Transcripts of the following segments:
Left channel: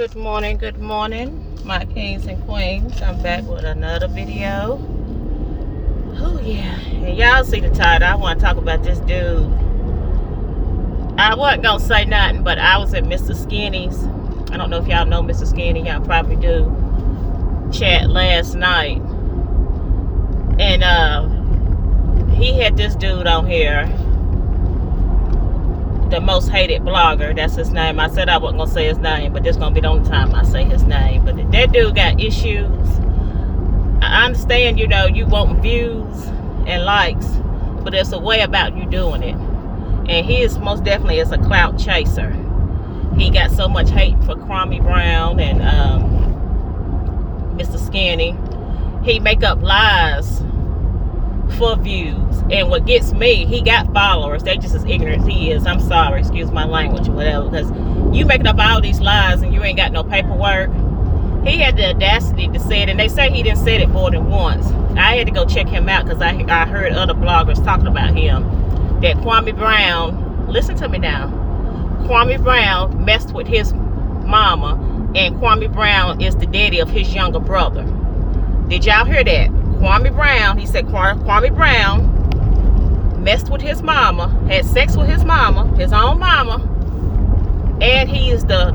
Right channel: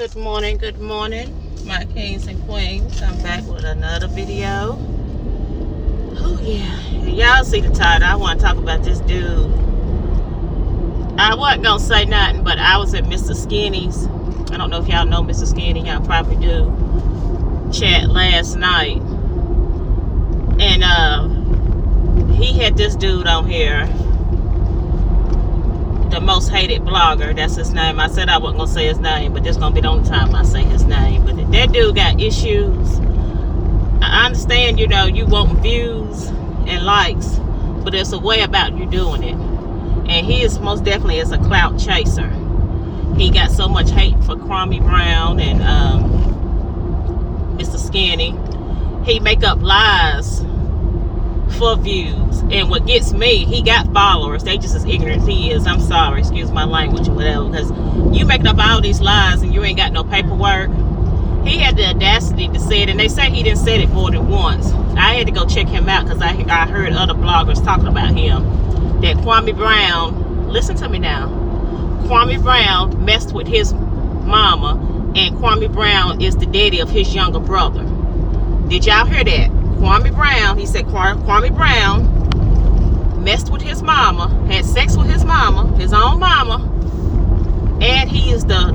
Good morning, my kings and queens. I'm back with another video. Oh yeah, and y'all see the title. I want to talk about this dude. I wasn't gonna say nothing, but I was at Mr. Skinny's. I don't know if y'all know Mr. Skinny. Y'all probably do. Chat last night, and he had this dude on here. The most hated blogger, that's his name. I said I wasn't gonna say his name, but this gonna be the only time I say his name. But that dude got issues. I understand, you want views and likes, but there's a way about you doing it. And he is most definitely is a clout chaser. He got so much hate for Kwame Brown and Mr. Skinny. He make up lies for views, and what gets me, he got followers. They just as ignorant as he is. I'm sorry, excuse my language or whatever, because you making up all these lies and you ain't got no paperwork. He had the audacity to say it, and they say he didn't say it more than once. I had to go check him out because I heard other bloggers talking about him, that Kwame Brown, listen to me now, Kwame Brown messed with his mama, and Kwame Brown is the daddy of his younger brother. Did y'all hear that? Kwame Brown, he said Kwame Brown messed with his mama, had sex with his mama, his own mama, and he is the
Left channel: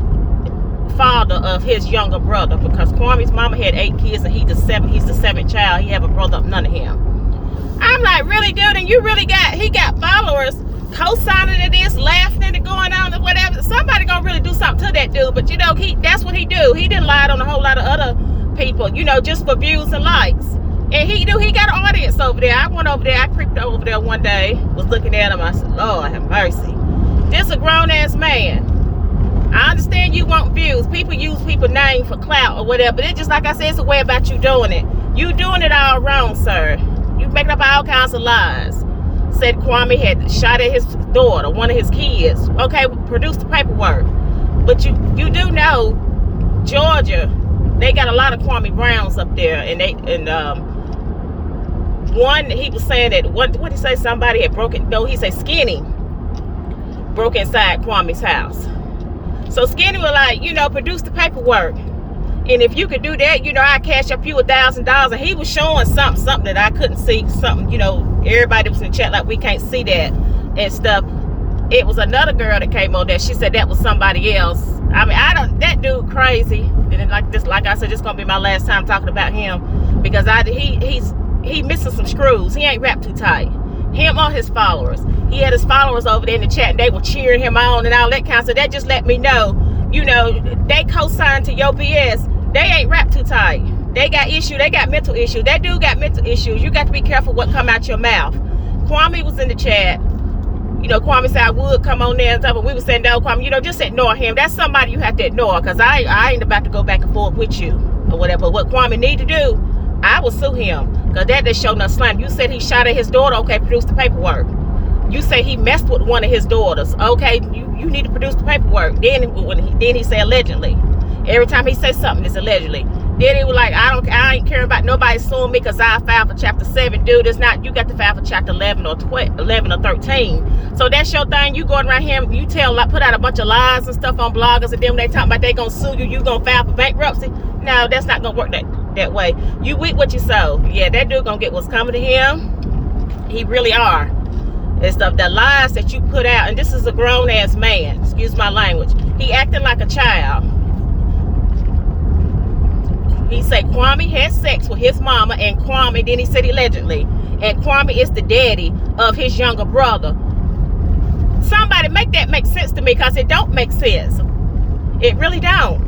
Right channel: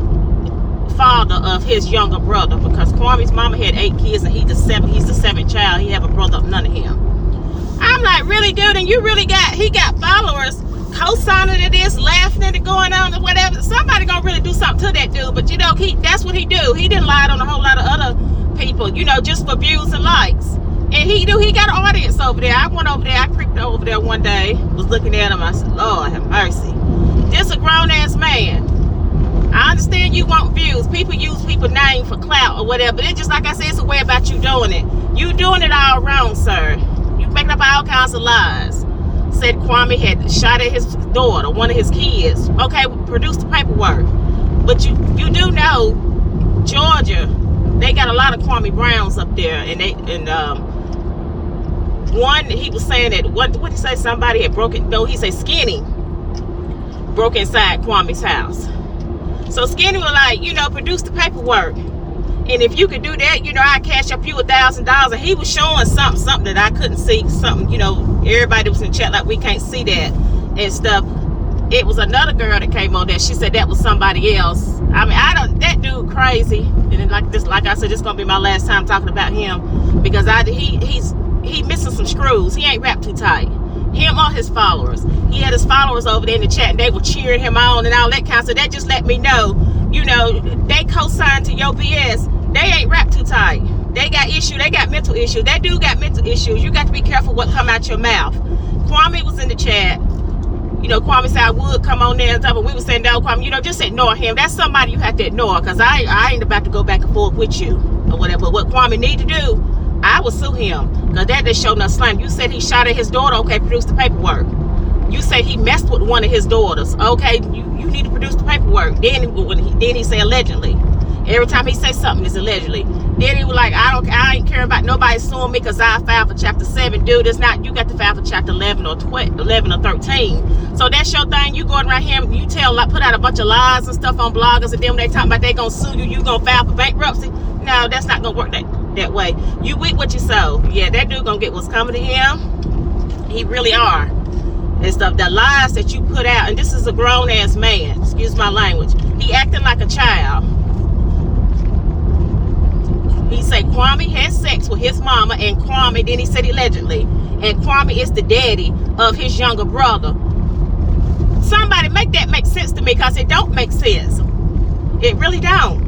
father of his younger brother, because Kwame's mama had 8 kids and he's the seventh child. He have a brother, none of him. I'm like, really, dude? And he got followers co-signing to this, laughing at it, going on and whatever. Somebody gonna really do something to that dude, but that's what he do. He didn't lie on a whole lot of other people, just for views and likes. And he got an audience over there. I went over there, I creeped over there one day, was looking at him. I said, Lord have mercy. This a grown-ass man. I understand you want views. People use people's name for clout or whatever, but it's just like I said, it's a way about you doing it. You doing it all wrong, sir. You making up all kinds of lies. Said Kwame had shot at his daughter, one of his kids. Okay, produce the paperwork. But you do know, Georgia, they got a lot of Kwame Browns up there, one, he was saying that, what did he say, somebody had broken, no, he said Skinny broke inside Kwame's house. So Skinny was like, produce the paperwork. And if you could do that, I'd cash up you $1,000. And he was showing something that I couldn't see, something, everybody was in the chat like, we can't see that and stuff. It was another girl that came on there. She said that was somebody else. I mean, that dude crazy. And like I said, this is gonna be my last time talking about him, because he missing some screws. He ain't wrapped too tight. Him or his followers. He had his followers over there in the chat, and they were cheering him on and all that kind of stuff. That just let me know, they co-signed to your BS. They ain't wrapped too tight. They got issues. They got mental issues. That dude got mental issues. You got to be careful what come out your mouth. Kwame was in the chat. Kwame said I would come on there and stuff, but we were saying, no, Kwame, just ignore him. That's somebody you have to ignore, because I ain't about to go back and forth with you or whatever. But what Kwame need to do, I will sue him, because that just showed no slang. You said he shot at his daughter. Okay, produce the paperwork. You say he messed with one of his daughters. Okay, you need to produce the paperwork. Then he say allegedly. Every time he say something, it's allegedly. Then he was like, I ain't caring about nobody suing me because I filed for chapter 7. Dude, it's not, you got to file for chapter 11 or 13. So that's your thing. You going around here, you put out a bunch of lies and stuff on bloggers, and then when they talking about they gonna sue you, you gonna file for bankruptcy. No, that's not gonna work that way. You eat what you sow. Yeah, that dude gonna get what's coming to him. He really are. And stuff, the lies that you put out, and this is a grown-ass man, excuse my language. He acting like a child. He said Kwame had sex with his mama, and Kwame, then he said allegedly, and Kwame is the daddy of his younger brother. Somebody make that make sense to me, because it don't make sense. It really don't.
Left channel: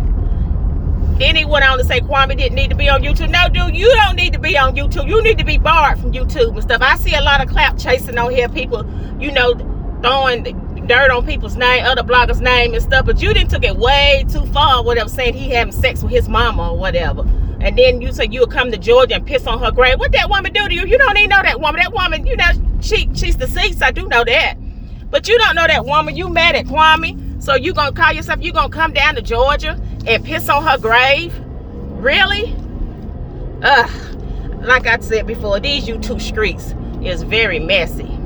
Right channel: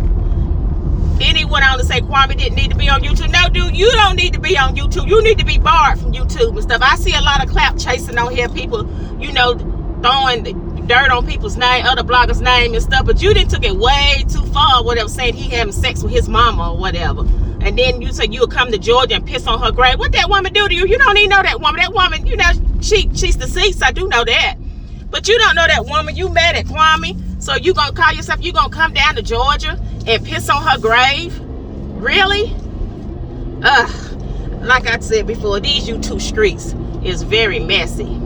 Then he went on to say Kwame didn't need to be on YouTube. No, dude, you don't need to be on YouTube. You need to be barred from YouTube and stuff. I see a lot of clap chasing on here, people, throwing dirt on people's name, other bloggers' name and stuff, but you didn't took it way too far, whatever, saying he having sex with his mama or whatever. And then you say you'll come to Georgia and piss on her grave. What that woman do to you? You don't even know that woman. That woman, she's deceased. I do know that. But you don't know that woman. You mad at Kwame. So you gonna call yourself, you gonna come down to Georgia and piss on her grave? Really? Ugh. Like I said before, these YouTube streets is very messy.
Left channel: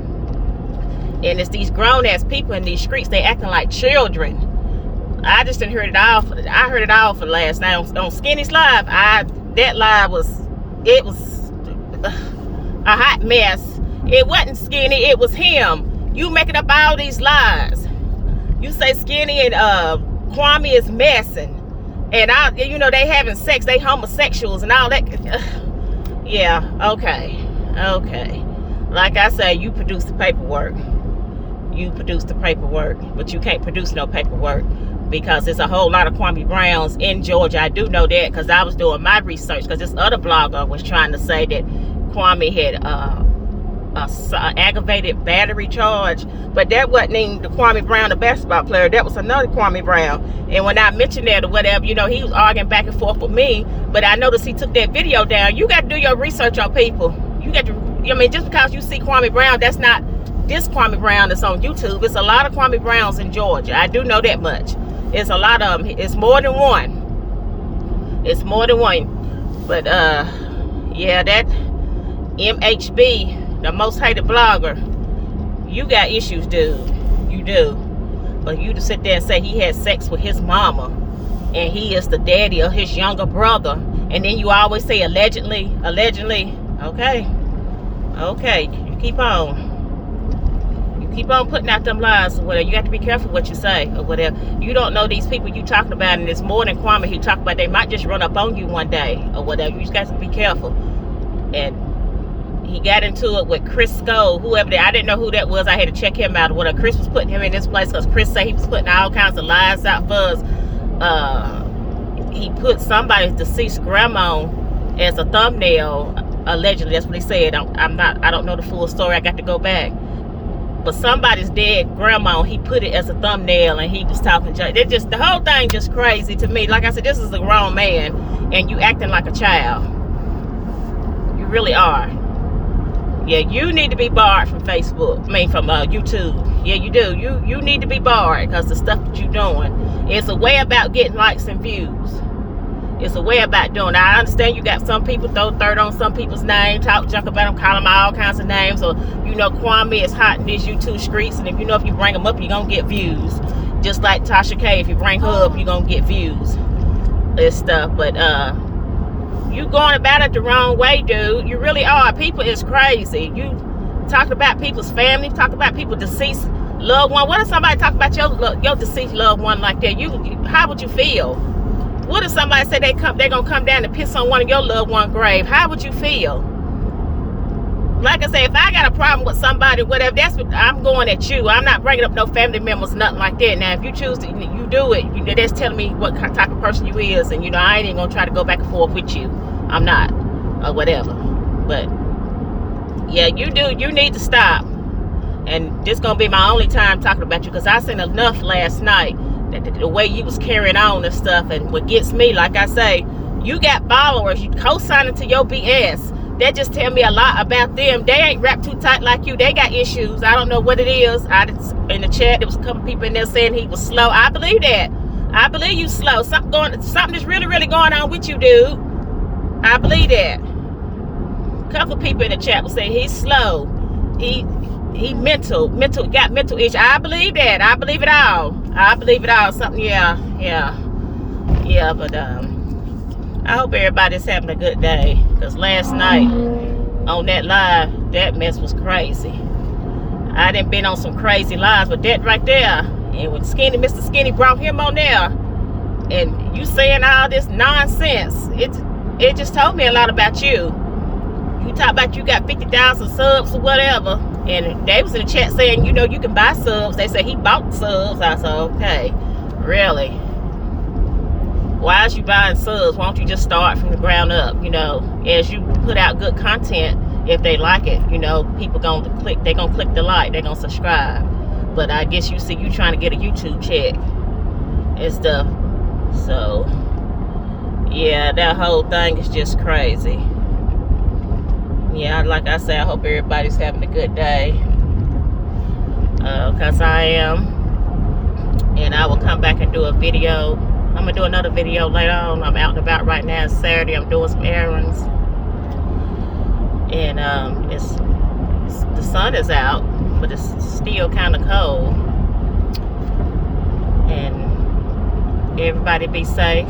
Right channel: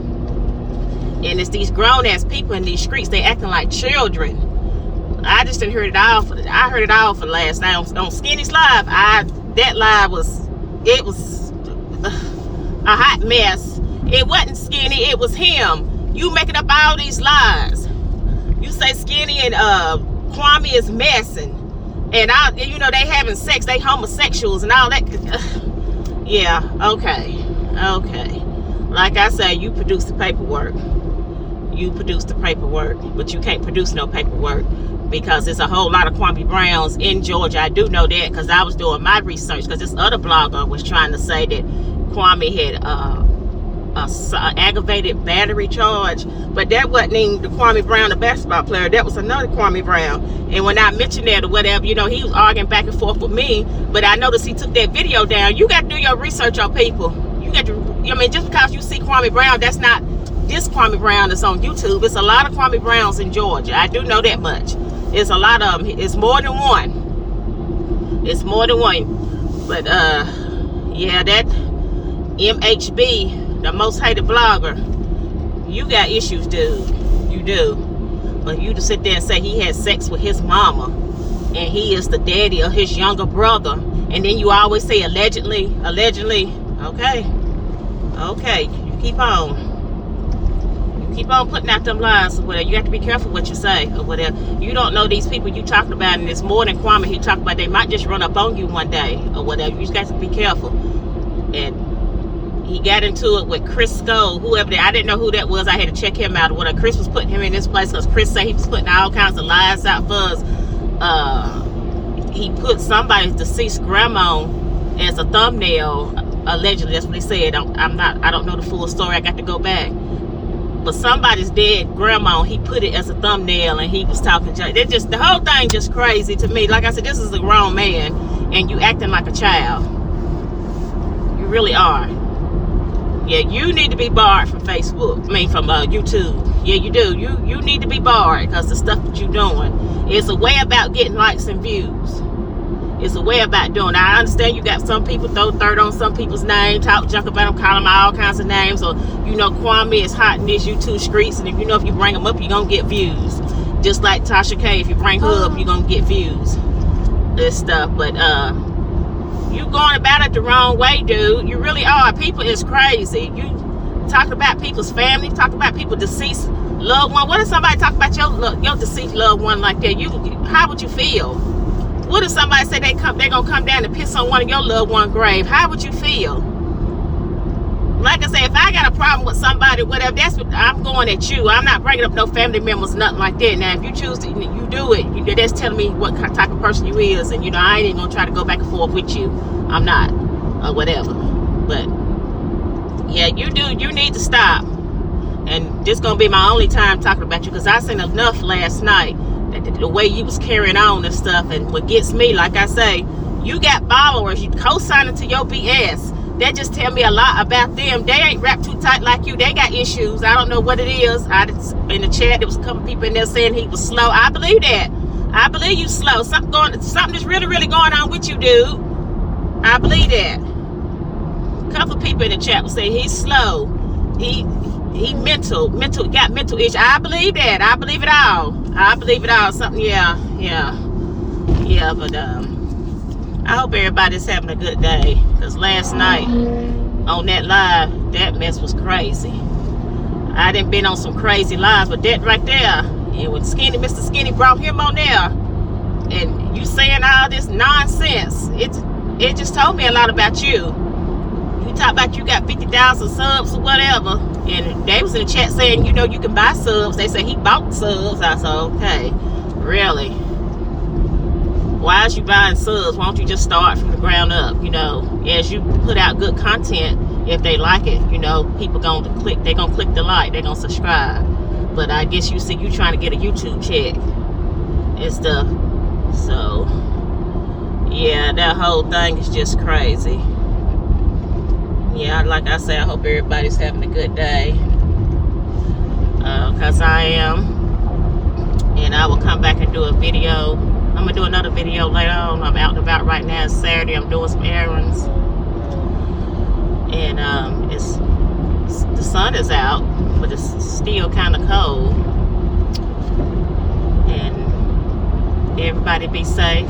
And it's these grown-ass people in these streets, they acting like children. I just didn't hear it all. I heard it all for last night on Skinny's live. That live was a hot mess. It wasn't Skinny, it was him. You making up all these lies. You say Skinny and Kwame is messing, and you know they having sex, they homosexuals and all that. Yeah, okay. Like I say, you produce the paperwork. You produce the paperwork, but you can't produce no paperwork because there's a whole lot of Kwame Browns in Georgia. I do know that because I was doing my research, because this other blogger was trying to say that Kwame had a aggravated battery charge, but that wasn't even the Kwame Brown, the basketball player. That was another Kwame Brown. And when I mentioned that or whatever, you know, he was arguing back and forth with me, but I noticed he took that video down. You got to do your research on people. You got to, I mean, just because you see Kwame Brown, that's not this Kwame Brown that's on YouTube. It's a lot of Kwame Browns in Georgia. I do know that much. It's a lot of them. It's more than one. It's more than one. But yeah, that MHB, the most hated blogger, you got issues, dude. You do. But you to sit there and say he had sex with his mama and he is the daddy of his younger brother, and then you always say allegedly. Okay, you keep on putting out them lies or whatever. You have to be careful what you say or whatever. You don't know these people you talking about, and it's more than Kwame he talked about. They might just run up on you one day or whatever. You just got to be careful. And he got into it with Chris Skoll, whoever that. I didn't know who that was. I had to check him out or whatever. Chris was putting him in this place because Chris said he was putting all kinds of lies out for us. He put somebody's deceased grandma as a thumbnail, allegedly. That's what he said. I don't know the full story. I got to go back. But somebody's dead grandma, he put it as a thumbnail, and he was talking. The whole thing just crazy to me. Like I said, this is a grown man, and you acting like a child. You really are. Yeah, you need to be barred from Facebook. I mean, from YouTube. Yeah, you do. You need to be barred because the stuff that you're doing. It's a way about getting likes and views. It's a way about doing it. I understand you got some people throw dirt on some people's names, talk junk about them, call them all kinds of names. Or, you know, Kwame is hot in these YouTube streets, and if you know if you bring them up, you're going to get views. Just like Tasha K, if you bring her up, you're going to get views and stuff. But you going about it the wrong way, dude. You really are. People is crazy. You talk about people's family, talk about people's deceased loved one. What if somebody talk about your deceased loved one like that? How would you feel? What if somebody said they're gonna come down and piss on one of your loved one's grave? How would you feel? Like I said, if I got a problem with somebody, whatever, that's what I'm going at you. I'm not bringing up no family members, nothing like that. Now, if you choose to, you do it. That's telling me what type of person you is, and you know I ain't even gonna try to go back and forth with you. I'm not, or whatever. But yeah, you do. You need to stop. And this gonna be my only time talking about you, because I seen enough last night. The way you was carrying on and stuff. And what gets me, like I say, you got followers, you co-signing to your BS. That just tell me a lot about them. They ain't wrapped too tight like you. They got issues. I don't know what it is. In the chat, there was a couple people in there saying he was slow. I believe that. I believe you slow. Something is really, really going on with you, dude. I believe that. A couple people in the chat will say he's slow. He got mental issues. I believe that. I believe it all. Something, yeah. But I hope everybody's having a good day, because last night on that live, that mess was crazy. I done been on some crazy lives, but that right there, and when Mr. Skinny brought him on there, and you saying all this nonsense, it just told me a lot about you. You talk about you got 50,000 subs or whatever, and they was in the chat saying, you know, you can buy subs. They say he bought subs. I said, okay, really? Why is you buying subs? Why don't you just start from the ground up? You know, as you put out good content, if they like it, you know, people gonna click. They gonna click the like. They gonna subscribe. But I guess you see, you trying to get a YouTube check and stuff. So yeah, that whole thing is just crazy. Yeah, like I say, I hope everybody's having a good day. Because I am. And I will come back and do a video. I'm going to do another video later on. I'm out and about right now. It's Saturday. I'm doing some errands. And the sun is out, but it's still kind of cold. And Everybody be safe.